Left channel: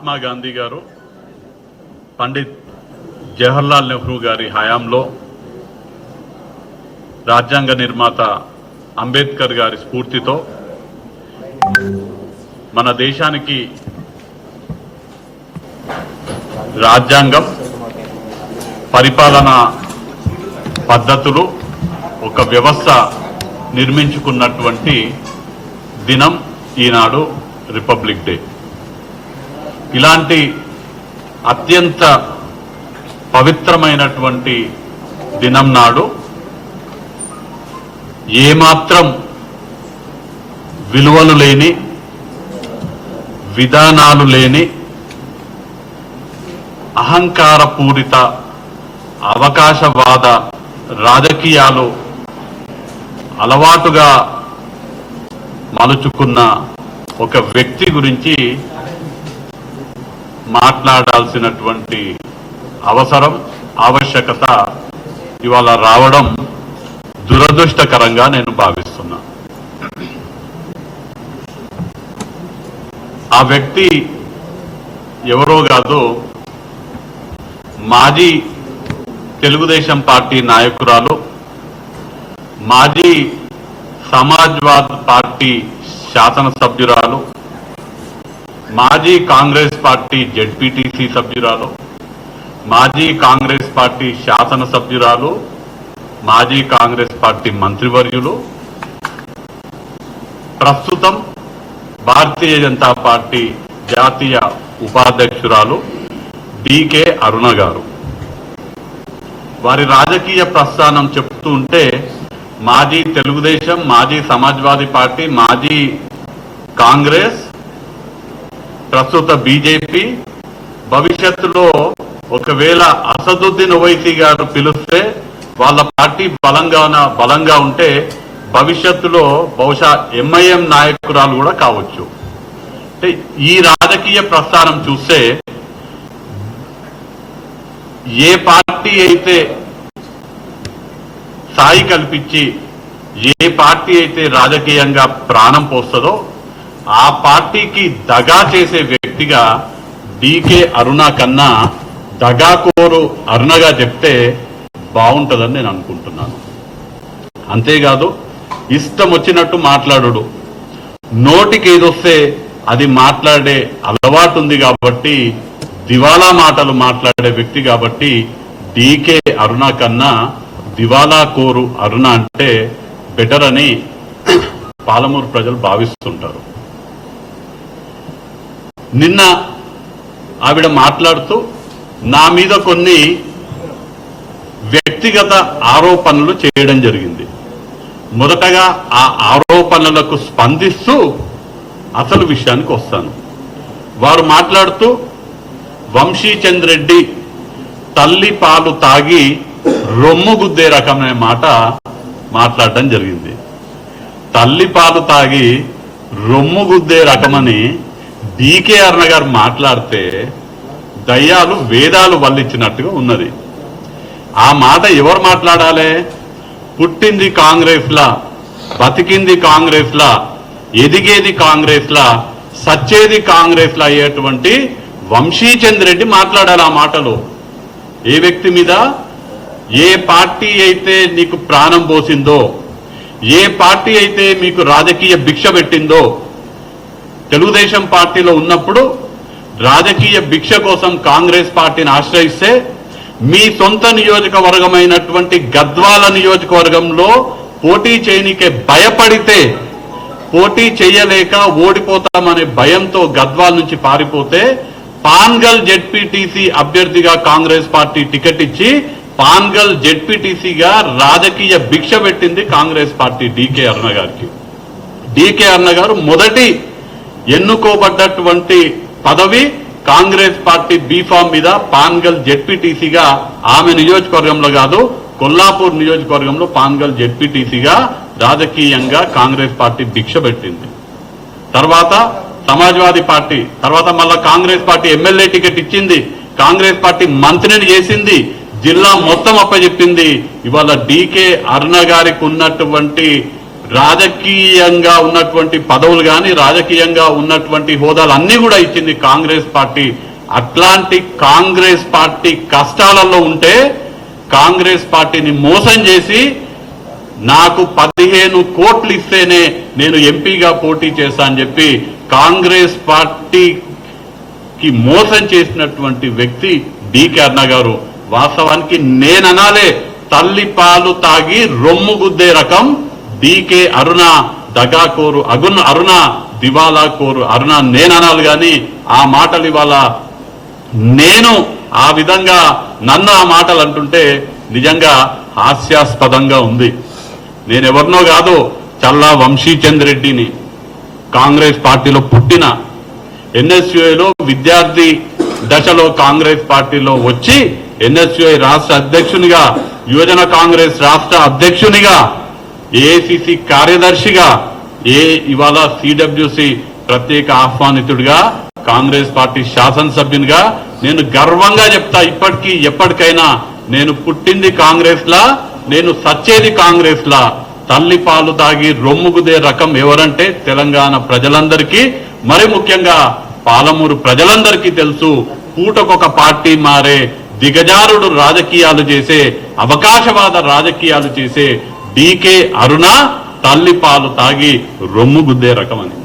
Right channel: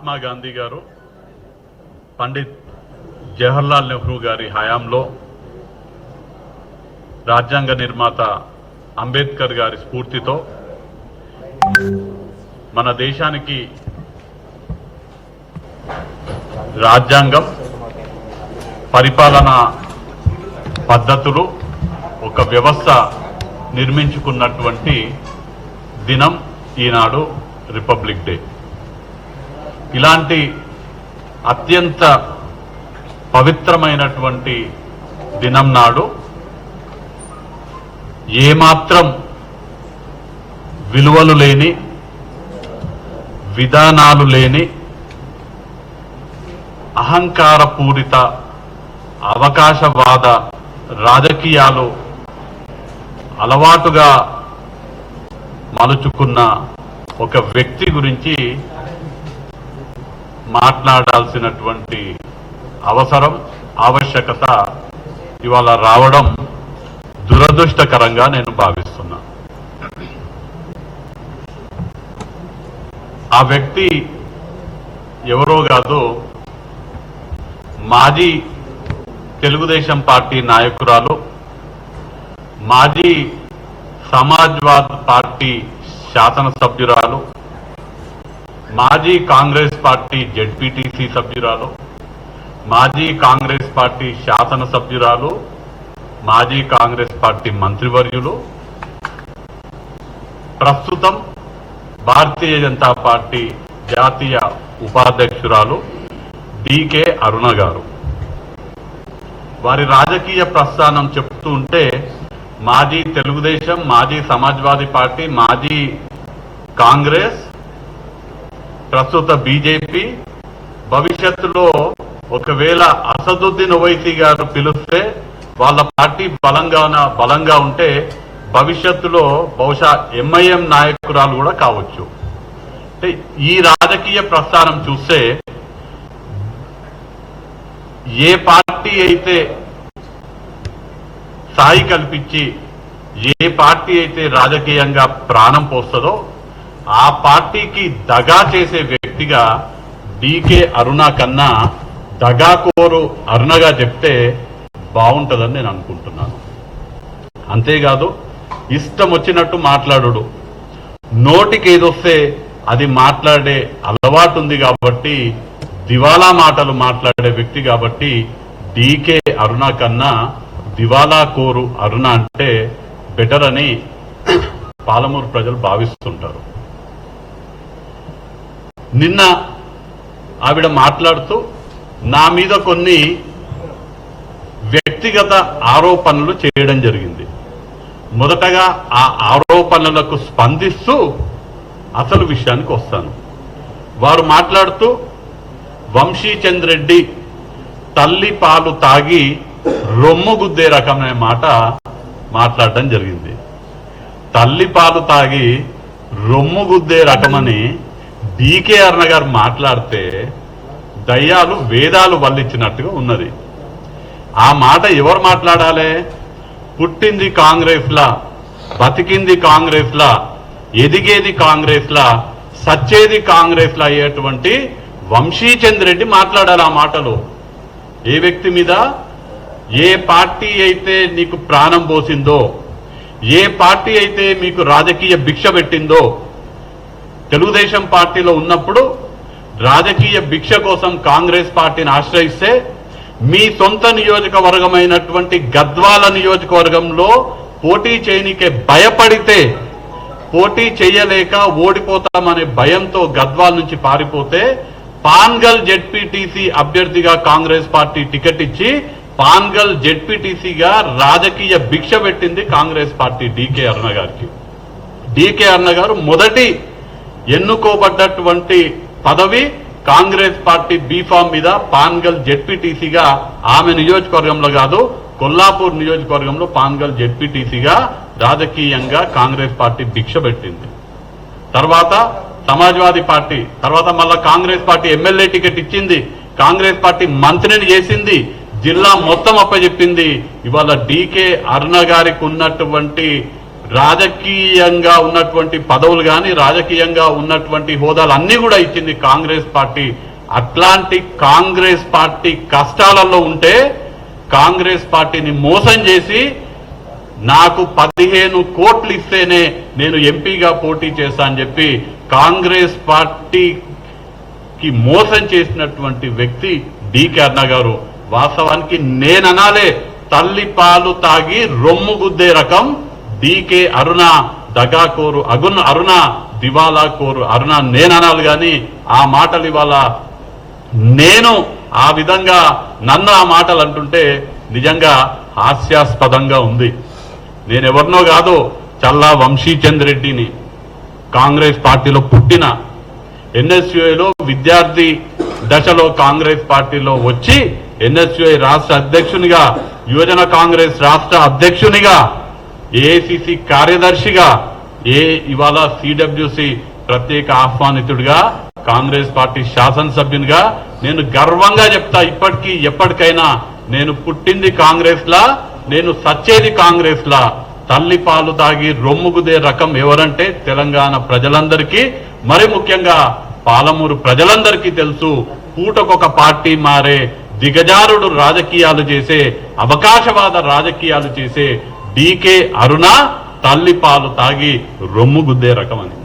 మహాత్మా గాంధీ గారు పండిత్ జవహర్లాల్ నెహ్రూ గారి హయాంలో రాజ్యాంగ నిర్మాత అంబేద్కర్ గారి స్ఫూర్తితో మన దేశానికి రాజ్యాంగం పరిపాలన పద్ధతులు ఒక వ్యవస్థ నిర్మించుకున్నటువంటి దినం ఈనాడు రిపబ్లిక్ డే. ఇలాంటి అత్యంత పవిత్రమైనటువంటి దినం నాడు ఏమాత్రం విలువలు లేని విధానాలు లేని అహంకారపూరిత అవకాశవాద రాజకీయాలు అలవాటుగా మలుచుకున్న ఒక వ్యక్తి గురించి మాట్లాడాల్సినటువంటి అవసరం ఆవశ్యకత ఇవాళ రావడం దురదృష్టకరంగా నేను భావిస్తున్నా. ఆ వ్యక్తి ఎవరో కాదు మాజీ తెలుగుదేశం పార్టీ నాయకురాలు మాజీ సమాజ్వాద్ పార్టీ శాసనసభ్యురాలు మాజీ కాంగ్రెస్ పార్టీ జడ్పీటీసీ సభ్యురాలు మాజీ కాంగ్రెస్ పార్టీ శాసనసభ్యురాలు మాజీ కాంగ్రెస్ పార్టీ మంత్రివర్యులు ప్రస్తుతం భారతీయ జనతా పార్టీ జాతీయ ఉపాధ్యక్షురాలు డికే అరుణ గారు. వారి రాజకీయ ప్రస్థానం చెప్తూ ఉంటే మాజీ తెలుగుదేశం మాజీ సమాజ్వాదీ పార్టీ మాజీ కాంగ్రెస్ ప్రస్తుత బీజేపీ భవిష్యత్తులో ఒకవేళ అసదుద్దీన్ ఓవైసీ గారు పిలిస్తే వాళ్ళ పార్టీ బలంగా బలంగా ఉంటే భవిష్యత్తులో బహుశా ఎంఐఎం నాయకురాలు కూడా కావచ్చు. అంటే ఈ రాజకీయ ప్రస్థానం చూస్తే ఏ పార్టీ అయితే సాయి కల్పించి ఏ పార్టీ అయితే రాజకీయంగా ప్రాణం పోస్తుందో ఆ పార్టీకి దగా చేసే వ్యక్తిగా డీకే అరుణ కన్నా దగాకోరు అరుణగా చెప్తే బాగుంటుందని నేను అనుకుంటున్నాను. అంతేకాదు ఇష్టం వచ్చినట్టు మాట్లాడు నోటికి ఏదొస్తే అది మాట్లాడే అలవాటు ఉంది కాబట్టి దివాలా మాటలు మాట్లాడే వ్యక్తి కాబట్టి డీకే అరుణ కన్నా దివాలా కోరు అరుణ అంటే బెటర్ అని పాలమూరు ప్రజలు భావిస్తుంటారు. నిన్న ఆవిడ మాట్లాడుతూ నా మీద కొన్ని వ్యక్తిగత ఆరోపణలు చేయడం జరిగింది. మొదటగా ఆ ఆరోపణలకు స్పందిస్తూ అసలు విషయానికి వస్తాను. వారు మాట్లాడుతూ వంశీచంద్ రెడ్డి తల్లి పాలు తాగి రొమ్ము గుద్దే రకమైన మాట మాట్లాడడం జరిగింది. తల్లి పాలు తాగి రొమ్ము గుద్దే రకమని డికే అర్ణ గారు మాట్లాడితే దయ్యాలు వేదాలు వల్లించినట్టుగా ఉన్నది. ఆ మాట ఎవరు మాట్లాడాలి? పుట్టింది కాంగ్రెస్లా బతికింది కాంగ్రెస్లా ఎదిగేది కాంగ్రెస్లా సచ్చేది కాంగ్రెస్లా అయ్యేటువంటి వంశీచంద్ రెడ్డి మాట్లాడాలి ఆ మాటలు. ఏ వ్యక్తి మీద? ఏ పార్టీ అయితే నీకు ప్రాణం పోసిందో ఏ పార్టీ అయితే మీకు రాజకీయ భిక్ష పెట్టిందో తెలుగుదేశం పార్టీలో ఉన్నప్పుడు రాజకీయ భిక్ష కోసం కాంగ్రెస్ పార్టీని ఆశ్రయిస్తే మీ సొంత నియోజకవర్గమైనటువంటి గద్వాల నియోజకవర్గంలో పోటీ చేయనికే భయపడితే పోటీ చేయలేక ఓడిపోతామనే భయంతో గద్వాల నుంచి పారిపోతే పాన్గల్ జెడ్పీటీసీ అభ్యర్థిగా కాంగ్రెస్ పార్టీ టికెట్ ఇచ్చి పాన్గల్ జెడ్పీటీసీగా రాజకీయ భిక్ష పెట్టింది కాంగ్రెస్ పార్టీ డీకే అరుణ గారికి. డీకే అరుణ గారు మొదటి ఎన్నుకోబడ్డటువంటి పదవి కాంగ్రెస్ పార్టీ బీఫామ్ మీద పాన్గల్ జెడ్పీటీసీగా ఆమె నియోజకవర్గంలో కాదు కొల్లాపూర్ నియోజకవర్గంలో పాన్గల్ జెడ్పీటీసీగా రాజకీయంగా కాంగ్రెస్ పార్టీ భిక్ష పెట్టింది. తర్వాత సమాజ్వాదీ పార్టీ తర్వాత మళ్ళా కాంగ్రెస్ పార్టీ ఎమ్మెల్యే టికెట్ ఇచ్చింది కాంగ్రెస్ పార్టీ మంత్రిని చేసింది జిల్లా మొత్తం అప్పచెప్పింది. ఇవాళ డీకే అరుణ గారికి ఉన్నటువంటి రాజకీయంగా ఉన్నటువంటి పదవులు కానీ రాజకీయంగా ఉన్నటువంటి హోదాలు అన్ని కూడా ఇచ్చింది కాంగ్రెస్ పార్టీ. అట్లాంటి కాంగ్రెస్ పార్టీ కష్టాలలో ఉంటే కాంగ్రెస్ పార్టీని మోసం చేసి నాకు పదిహేను కోట్లు ఇస్తేనే నేను ఎంపీగా పోటీ చేశా అని చెప్పి కాంగ్రెస్ పార్టీకి మోసం చేసినటువంటి వ్యక్తి డికే అన్న గారు. వాస్తవానికి నేననాలే తల్లి పాలు తాగి రొమ్ము గుద్దే రకం డీకే అరుణ దగాకోరు అగున్ అరుణ దివాలా కోరు అరుణ నేననాలి కానీ ఆ మాటలు ఇవాళ నేను ఆ విధంగా నన్ను ఆ మాటలు అంటుంటే నిజంగా హాస్యాస్పదంగా ఉంది. నేను ఎవరినో కాదు చల్లా వంశీచంద్ రెడ్డిని. కాంగ్రెస్ పార్టీలో పుట్టిన ఎన్ఎస్యుఐలో విద్యార్థి దశలో కాంగ్రెస్ పార్టీలో వచ్చి ఎన్ఎస్యుఐ రాష్ట్ర అధ్యక్షునిగా యువజన కాంగ్రెస్ రాష్ట్ర అధ్యక్షునిగా ఏఐసిసి కార్యదర్శిగా ఏ ఇవాళ సిడబ్ల్యూసి ప్రత్యేక ఆహ్వానితుడిగా కాంగ్రెస్ పార్టీ శాసనసభ్యునిగా నేను గర్వంగా చెప్తా ఇప్పటికీ ఎప్పటికైనా నేను పుట్టింది కాంగ్రెస్ లా నేను సచ్చేది కాంగ్రెస్ లా తల్లి పాలు తాగి రొమ్ముగుదే రకం ఎవరంటే తెలంగాణ ప్రజలందరికీ మరి ముఖ్యంగా పాలమూరు ప్రజలందరికీ తెలుసు పూటకొక పార్టీ మారే దిగజారుడు రాజకీయాలు చేసే అవకాశవాద రాజకీయాలు చేసే డీకే అరుణ తల్లి పాలు తాగి రొమ్ము గుద్దే రకం అని.